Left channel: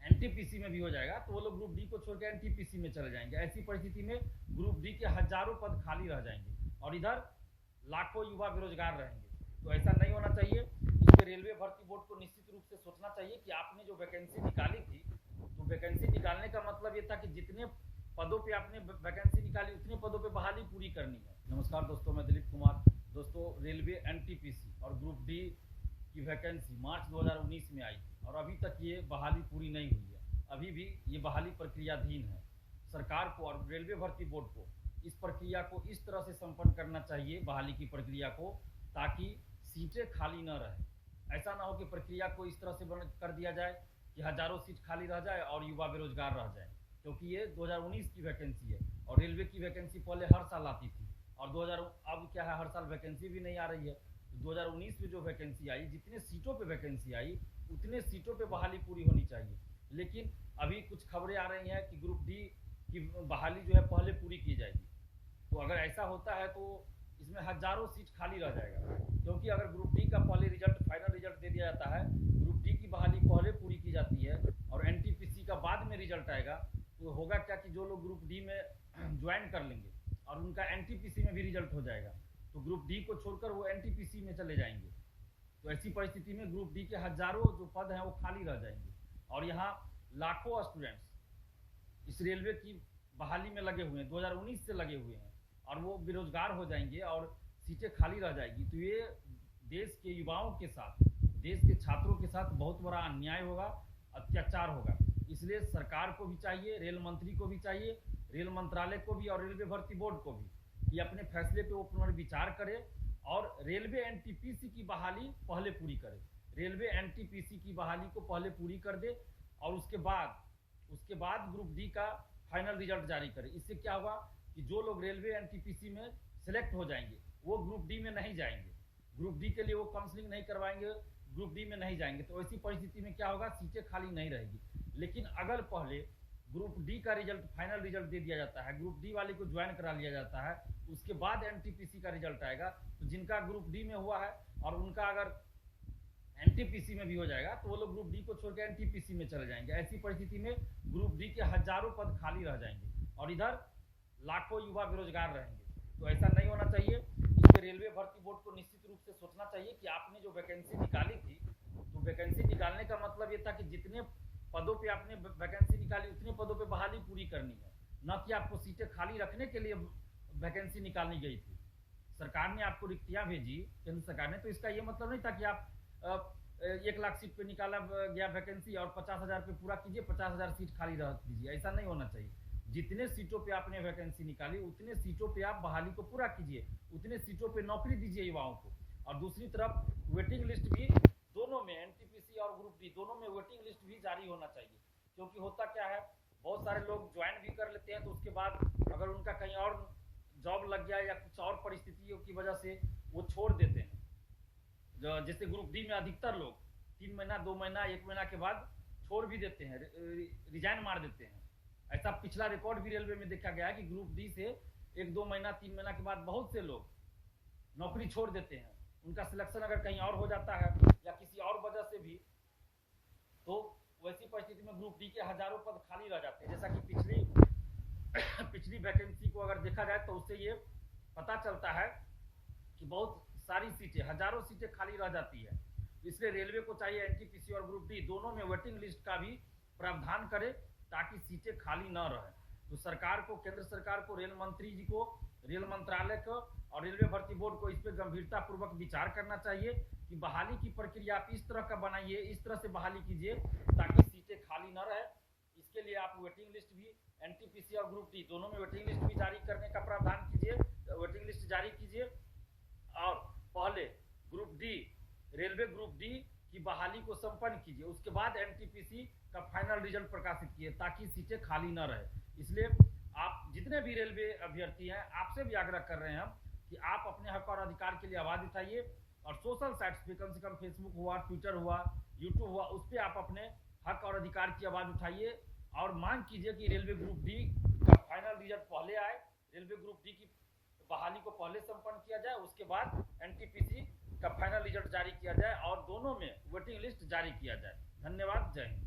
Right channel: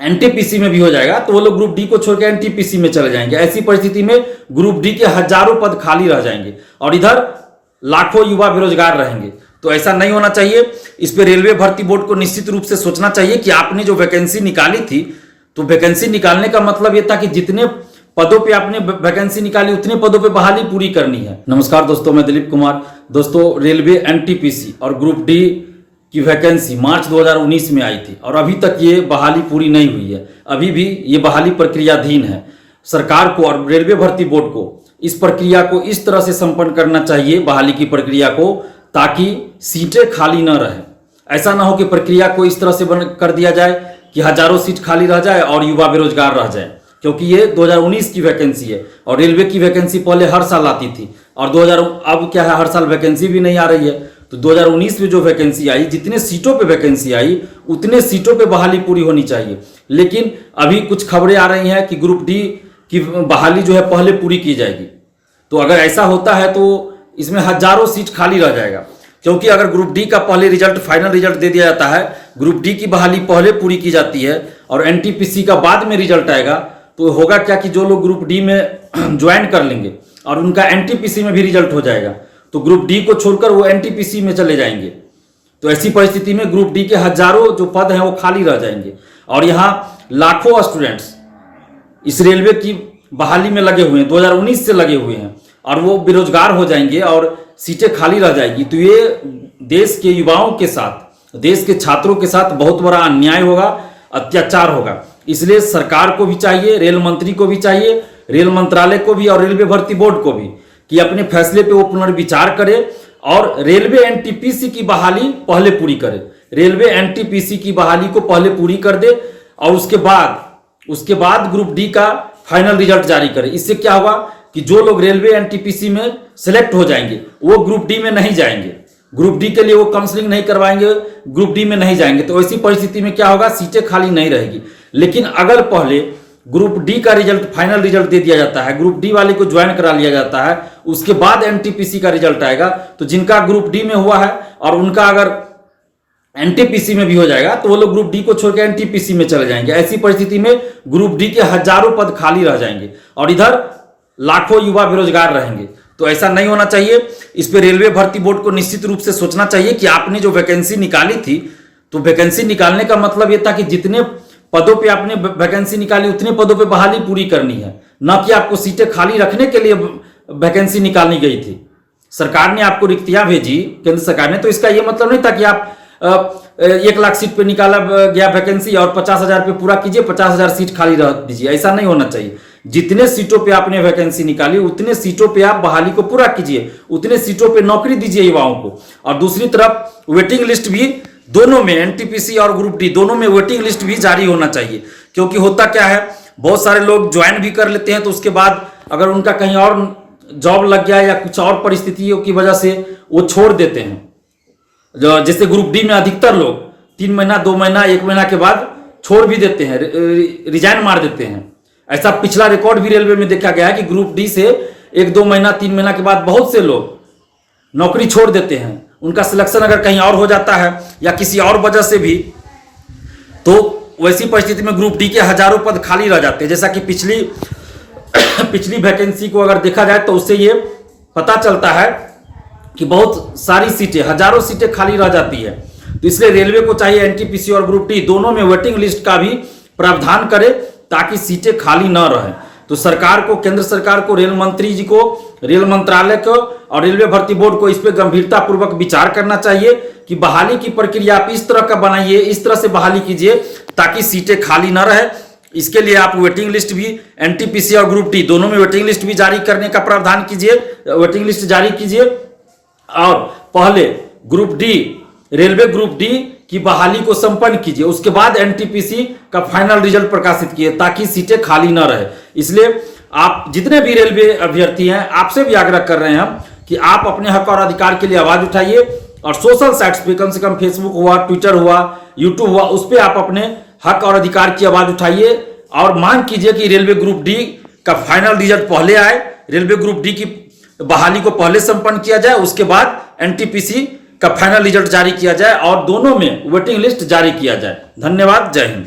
NTPC में भी हो जाएगा तो वो लोग ग्रुप डी को छोड़ के एनटीपीसी में चले जाएंगे। ऐसी परिस्थिति में ग्रुप डी के हजारों पद खाली रह जाएंगे और इधर लाखों युवा बेरोजगार रहेंगे। तो ऐसा नहीं होना चाहिए। इस पे रेलवे भर्ती बोर्ड को निश्चित रूप से सोचना चाहिए कि आपने जो वैकेंसी निकाली थी, तो वैकेंसी निकालने का मतलब ये था कि जितने पदों पे आपने वैकेंसी निकाली उतने पदों पे बहाली पूरी करनी है। नमस्कार दोस्तों, मैं दिलीप कुमार। दोस्तों, रेलवे एनटीपीसी और ग्रुप डी की वैकेंसी मार्च 2019 में आई थी और अभी तक ये बहाली पूरी नहीं हुई है। अभी भी ये बहाली प्रक्रियाधीन है। सरकार को और रेलवे भर्ती बोर्ड को इस प्रक्रिया को इस तरह से संपन्न करना चाहिए, बहाली की प्रक्रिया को, ताकि सीटें खाली न रहे। ऐसा ना हो कि प्रक्रिया को इस तरह से कर दिया जाए कि हजारों सीट खाली रह जाए और युवा बेरोजगार रह जाए, क्योंकि ये 2019 की वैकेंसी है और रेलवे की वैकेंसी पहले हर साल आती थी और अब क्या है, हर साल वैकेंसी भी नहीं आ रही है। तो 2019 में जो वैकेंसी आई, जितने सीटों पे वैकेंसी आई उतने सीटों पे बहाली पूरी होनी चाहिए। लेकिन अभी कुछ खबरें आ रही हैं कि ग्रुप डी की बहाली जो है पहले पूरी की जाएगी। तो अगर ऐसा होता है तो इसमें हजारों सीट खाली रह जाएगा, क्योंकि अगर ग्रुप डी का पहले रिजल्ट, फाइनल रिजल्ट दे दिया जाता है, ग्रुप डी की बहाली पहले पूरी की जाती है और एनटीपीसी का बाद में रिजल्ट आएगा, तो होगा क्या कि जो लोग ग्रुप डी में ज्वाइन कर लेंगे और उनका एनटीपीसी में भी रिजल्ट हो जाएगा, तो ग्रुप डी को छोड़कर वो एनटीपीसी में चले जाएंगे। तो ऐसी परिस्थिति में ग्रुप डी के हजारों जो पद हैं वो खाली रह जाएंगे और यहाँ लाखों स्टूडेंट्स इस रेलवे की बहाली में लगे हुए हैं, 2019 से लगे हुए हैं, और वो बेरोजगार हो जाएंगे और सीटें खाली रह जाएगी। तो ये देश के युवाओं के साथ, देश के छात्रों के साथ बहुत बड़ा अन्याय होगा, अत्याचार होगा। इसलिए सरकार को भी चाहिए, रेल मंत्री को भी चाहिए, रेल मंत्रालय को भी और रेलवे भर्ती बोर्ड को भी, कि अपने फैसले पे वो पुनर्विचार करे और रेलवे एनटीपीसी की बहाली पहले पूरी करे। रेलवे एनटीपीसी की बहाली को पहले पूरी कर दे और उसके बाद ग्रुप डी का फाइनल रिजल्ट जारी करे। इससे क्या होगा कि जो लोग रेलवे एनटीपीसी में सिलेक्ट हो जाएंगे वो ग्रुप डी में नहीं जाएंगे, ग्रुप डी के लिए वो काउंसलिंग नहीं करवाएंगे, ग्रुप डी में नहीं जाएंगे। तो ऐसी परिस्थिति में क्या होगा, सीटें खाली नहीं रहेगी। लेकिन अगर पहले ग्रुप डी का रिजल्ट, फाइनल रिजल्ट दे दिया जाता है, ग्रुप डी वाले को ज्वाइन करा लिया जाता है, उसके बाद एनटीपीसी का रिजल्ट आएगा, तो जिनका ग्रुप डी में हुआ है और उनका अगर एनटीपीसी में भी हो जाएगा तो वो लोग ग्रुप डी को छोड़ के एनटीपीसी में चले जाएंगे। ऐसी परिस्थिति में ग्रुप डी के हजारों पद खाली रह जाएंगे और इधर लाखों युवा बेरोजगार रहेंगे। तो ऐसा नहीं होना चाहिए। इस पे रेलवे भर्ती बोर्ड को निश्चित रूप से सोचना चाहिए कि आपने जो वैकेंसी निकाली थी, तो वैकेंसी निकालने का मतलब ये था कि जितने पदों पे आपने वैकेंसी निकाली उतने पदों पे बहाली पूरी करनी है, न कि आपको सीटें खाली रखने के लिए वैकेंसी निकालनी गई थी। सरकार ने आपको रिक्तियां भेजी, केंद्र सरकार ने, तो इसका ये मतलब नहीं था कि आप 1 लाख सीट पे निकाला गया वैकेंसी और 50,000 पे पूरा कीजिए, 50,000 सीट खाली रह दीजिए। ऐसा नहीं होना चाहिए। जितने सीटों पे आपने वैकेंसी निकाली उतने सीटों पे आप बहाली को पूरा कीजिए, उतने सीटों पे नौकरी दीजिए युवाओं को। और दूसरी तरफ वेटिंग लिस्ट भी, दोनों में, एनटीपीसी और ग्रुप डी दोनों में वेटिंग लिस्ट भी जारी होना चाहिए। क्योंकि होता क्या है, बहुत सारे लोग ज्वाइन भी कर लेते हैं, तो उसके बाद अगर उनका कहीं और जॉब लग गया या कुछ और परिस्थितियों की वजह से वो छोड़ देते हैं। जैसे ग्रुप डी में अधिकतर लोग 3 महीना, 2 महीना, 1 महीना के बाद छोड़ भी देते हैं, रिजाइन मार देते हैं। ऐसा पिछला रिकॉर्ड भी रेलवे में देखा गया है कि ग्रुप डी से 1-2 महीना, 3 महीना के बाद बहुत से लोग नौकरी छोड़ देते हैं। उनका सिलेक्शन अगर कहीं और हो जाता है या किसी और वजह से भी, तो वैसी परिस्थिति में ग्रुप डी के हजारों पद खाली रह जाते हैं। जैसा कि पिछली वैकेंसी को अगर देखा जाए तो उससे ये पता चलता है कि बहुत सारी सीटें, हजारों सीटें खाली रह जाती है। तो इसलिए रेलवे को चाहिए एनटीपीसी और ग्रुप डी दोनों में वेटिंग लिस्ट का भी प्रावधान करे ताकि सीटें खाली न रहें। तो सरकार को, केंद्र सरकार को, रेल मंत्री जी को, रेल मंत्रालय को और रेलवे भर्ती बोर्ड को इस पर गंभीरता पूर्वक विचार करना चाहिए कि बहाली की प्रक्रिया आप इस तरह का बनाइए, इस तरह से बहाली कीजिए ताकि सीटें खाली न रहे। इसके लिए आप वेटिंग लिस्ट भी, एनटीपीसी और ग्रुप डी दोनों में वेटिंग लिस्ट भी जारी करने का प्रावधान कीजिए, वेटिंग लिस्ट जारी कीजिए और पहले group D, railway group D की बहाली को संपन्न कीजिए, उसके बाद एनटीपीसी का फाइनल रिजल्ट प्रकाशित किए ताकि सीटें खाली न रहे। इसलिए आप जितने भी रेलवे अभ्यर्थी हैं, आपसे भी आग्रह कर रहे हैं हम कि आप अपने हक और अधिकार के लिए आवाज उठाइए और सोशल साइट्स पे, कम से कम फेसबुक हुआ, ट्विटर हुआ, यूट्यूब हुआ, उस पर आप अपने हक और अधिकार की आवाज उठाइए और मांग कीजिए कि रेलवे ग्रुप डी का फाइनल रिजल्ट पहले आए, रेलवे ग्रुप डी की बहाली को पहले संपन्न किया जाए, उसके बाद एनटीपीसी का फाइनल रिजल्ट जारी किया जाए और दोनों में वेटिंग लिस्ट जारी किया जाए। धन्यवाद। जय हिंद।